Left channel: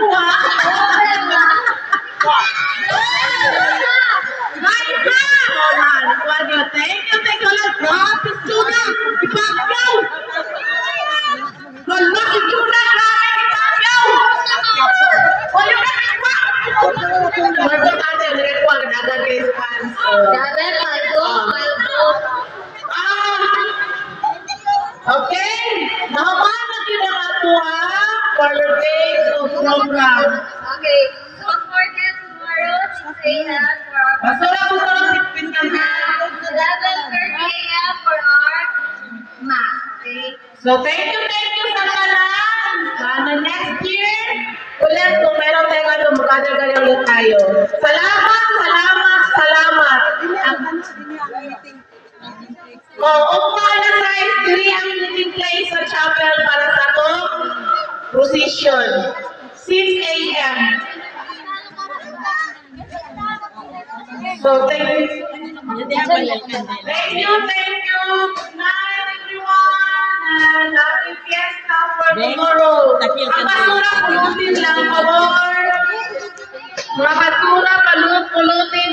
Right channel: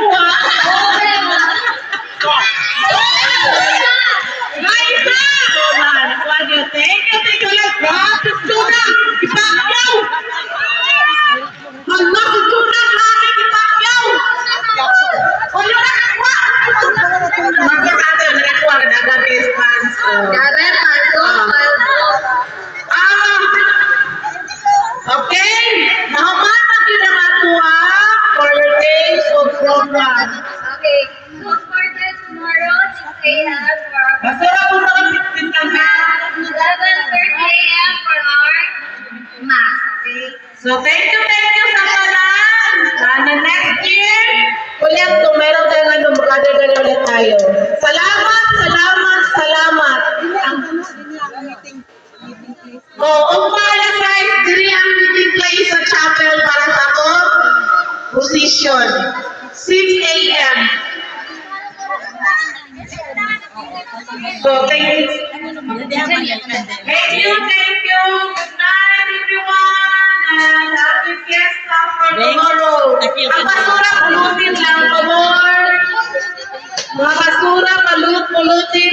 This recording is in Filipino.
mo, ha? Guys, ha? So, man, thank you, lang. Grabe, Juna! Ipakyaw! Hala, si Juna, grabe, ipakyaw! O, yung nakakuha! Magpapate, nakakuha ka na agad kay Spans. Garret, paldo. Okay, naman na ginawa mo, ha? For your days of program. Okay, look for that tomorrow, 6 a.m. for our Basura po sa pintang ha. 11:30 a.m. for our math. Okay? So, thank you sa kalan. Sana next year, ulit kung mayroon tayong ano, mag-gather ulit tayo. Salamat. Ugma na size, diri ang meeting place sa chapel para sa akong position. 6 a.m. So, thank you. Thank you. Good night, everyone. And happy fiesta for tomorrow. Ang basura, pulutin lang, pabor. Mga basura, pulutin.